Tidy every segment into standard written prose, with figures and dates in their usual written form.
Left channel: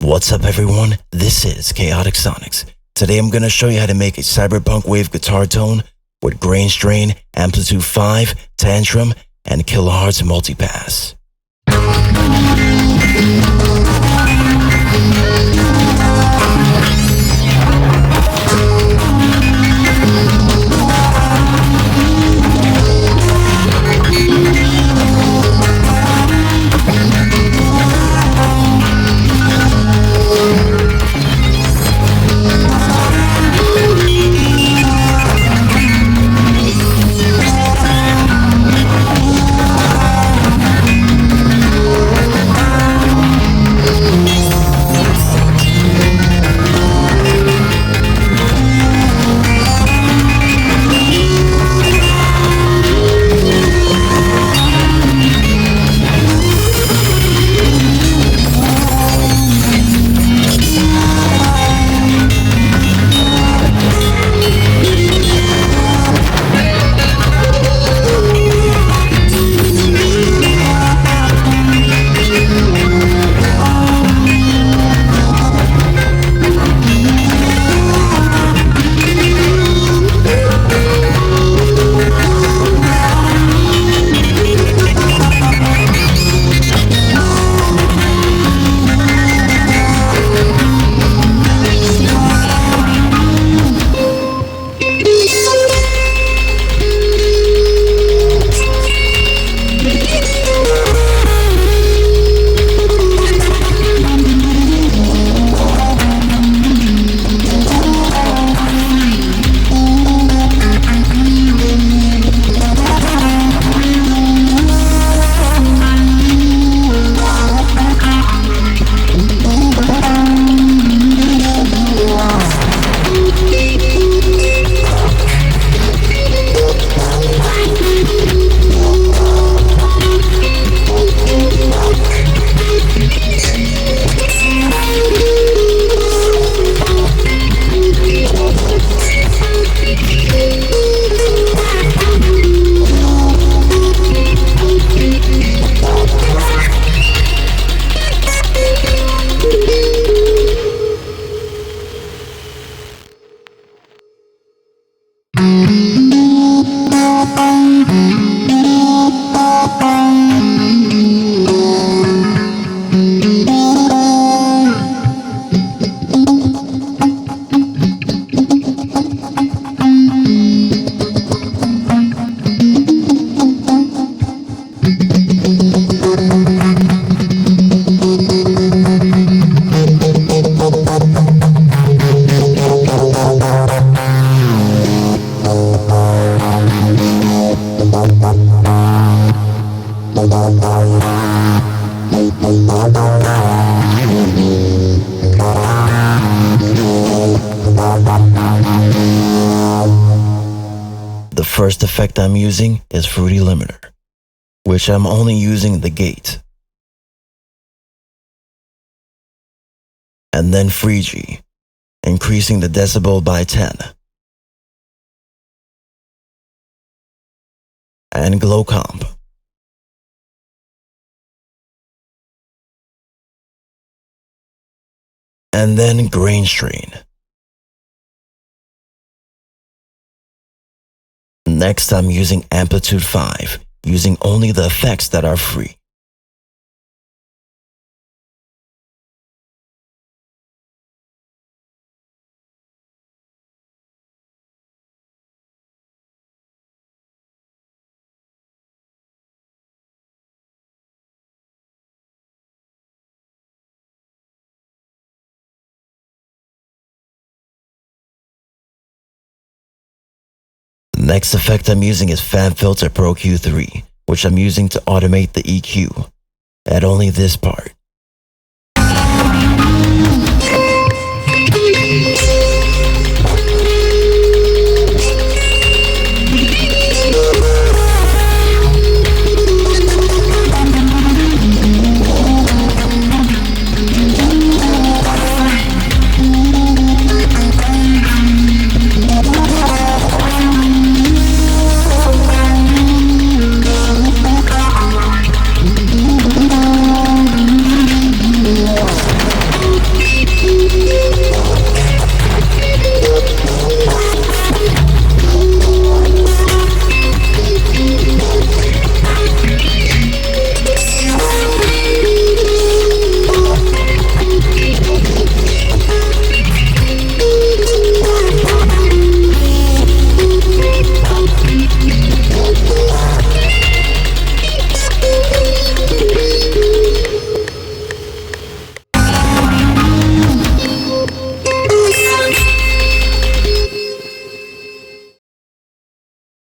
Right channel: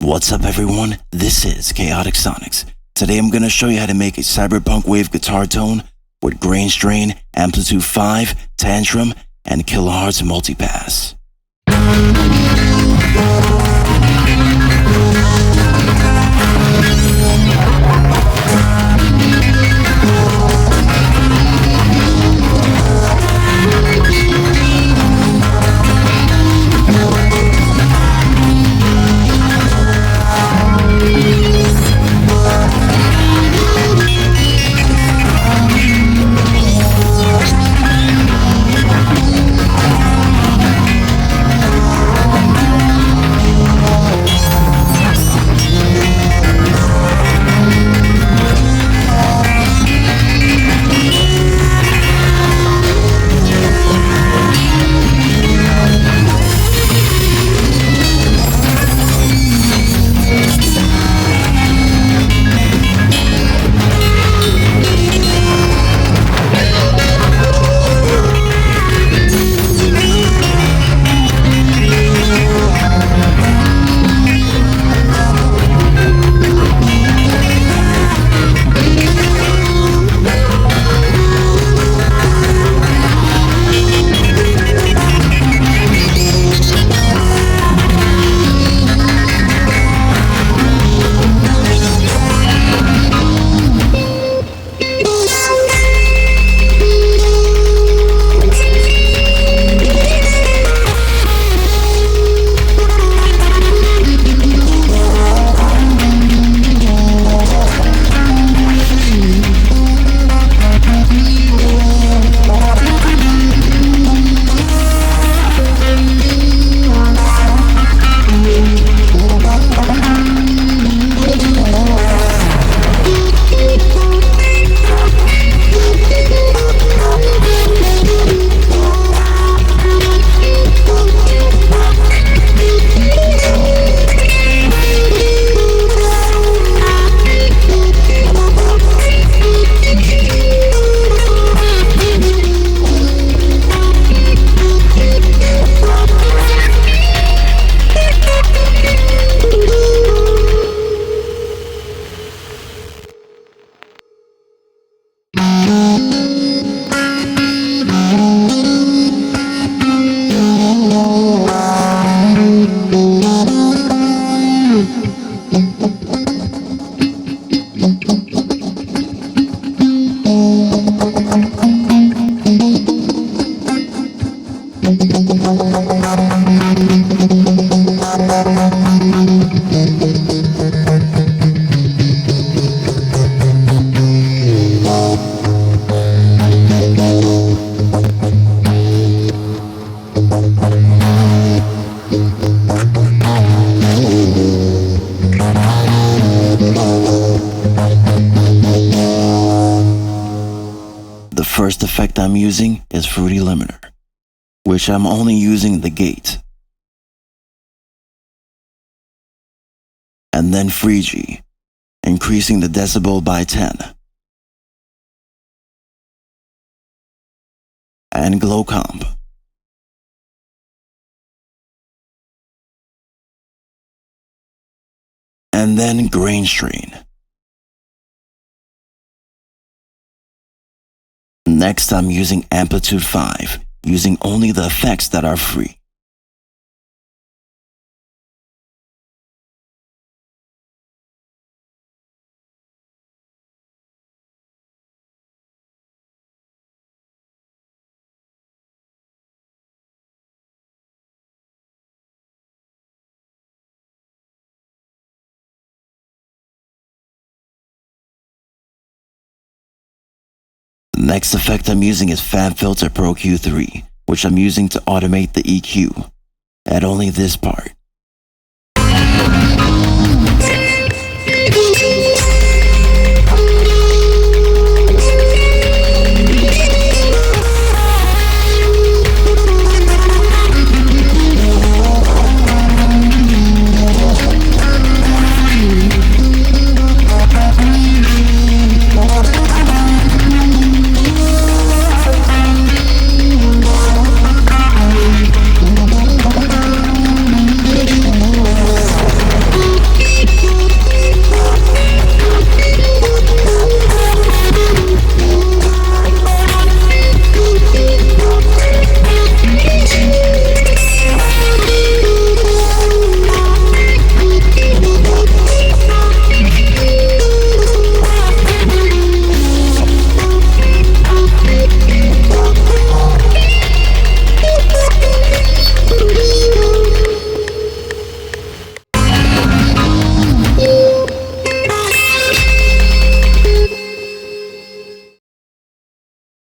What's up everyone, this is Chaotic Sonics. Today I'm going to show you how to make a Cyberpunkwave guitar tone with grain strain, amplitude 5, Tantrum, and kilohertz multipass. The first effect I'm using is Fruity Limiter, which I'm only using the gate. And then Freegee, increasing the decibel by 10. And Glow Comp. And then Grain Strain. Next, I'm using Amplitude 5, using only the effects that are free. The next effect I'm using is FabFilter Pro Q3, which I'm using to automate the EQ at only this part.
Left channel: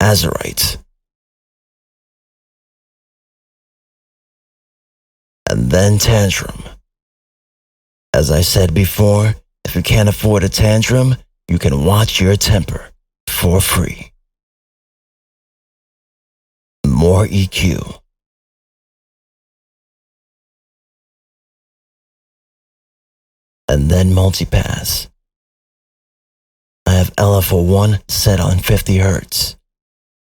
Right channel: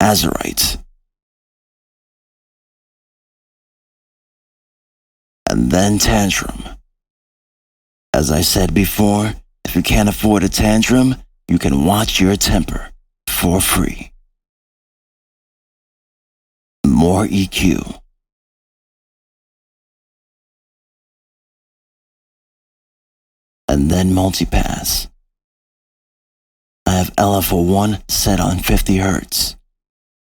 azurite. And then Tantrum. As I said before, if you can't afford a Tantrum, you can watch your temper for free. More EQ. And then Multipass. I have LFO1 set on 50 Hz.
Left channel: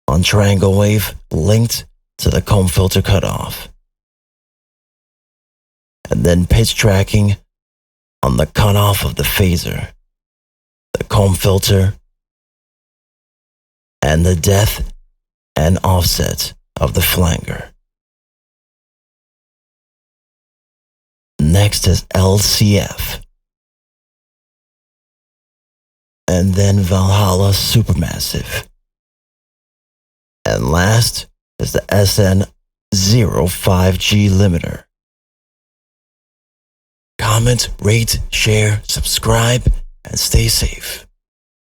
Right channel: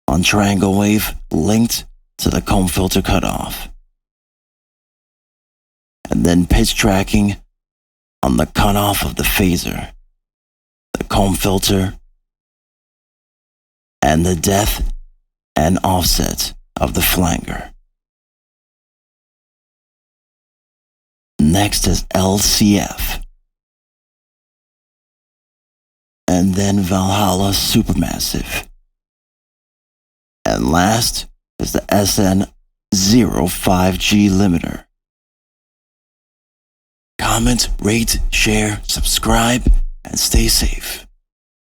On triangle wave linked to the comb filter cutoff. And then pitch tracking on the cutoff of the phaser, the comb filter, and the depth and offset of the flanger. Next is LCF. And then Valhalla Supermassive. And last is the SN05G limiter. Comment, rate, share, subscribe, and stay safe.